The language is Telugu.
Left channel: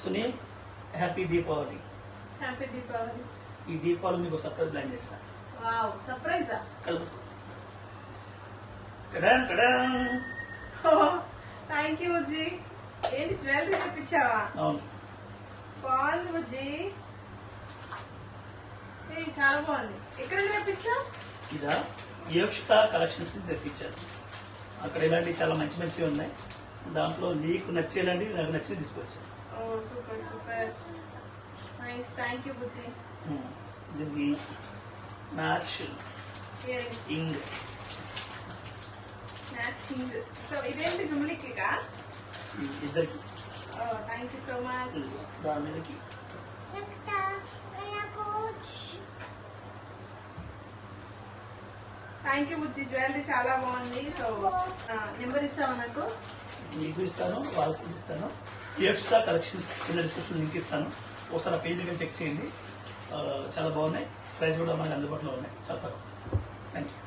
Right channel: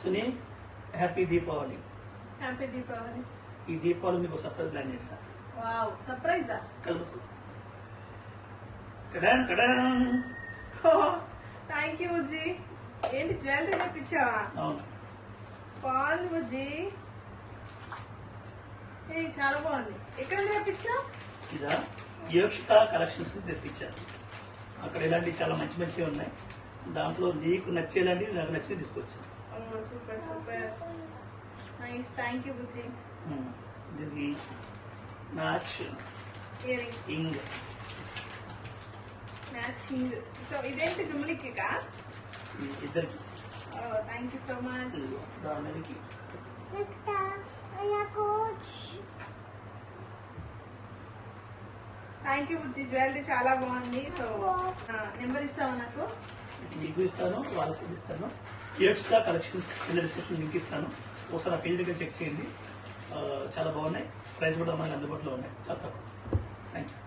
సునీ హ్యాపీ దీపావళి. హ్యాపీ దీపావళి. ఈ దీపావళి మీకు సర్ప్రైజ్ ప్లాన్ చేస్తాను. వావ్, సర్ప్రైజా? కలుపు. థ్యాంక్ యూ బుజ్జి. ఏంటి జ్యువెలరీ తెప్పించావా? అవును. బాగుంది బుజ్జి. చాలా బాగుంది. ఎక్కడ తెప్పించావు? ఇదా యోక్షిత కలెక్షన్స్ తెప్పించాను. అక్కడ ఇలాంటివి చాలా మంచి మంచివి ఉన్నాయి. దాంట్లో నీకు నచ్చేలాంటివి నాకు నచ్చి తీసుకొచ్చాను. Oh super super nice. Thank you బుజ్జి. ఇది మ్యాచ్ ఇయర్ రింగ్స్ ఇంగ్. మ్యాచింగ్. సో ఇదేంటి జుమ్లిక్కా? ఇద్దరికి. Thank you so much. దాని మీదకి థ్యాంక్ యూ బుజ్జి. జ్యువెలరీ చాలా బాగుంది. సో నెంబర్ ఇస్తావా నాకు? నీకు ఇస్తాను, వాళ్ళకి ఇస్తాను. యోక్షిత కలెక్షన్స్ కింద డిస్క్రిప్షన్ లింక్ ఇస్తాను. ఒకసారి ఆ పేజ్ దగ్గర చెక్ చేయండి. చాలా బాగున్నాయి. ప్రైస్ కూడా మనకి అందుబాటులో ఉన్నాయి. చాలా తక్కువ. Thank you.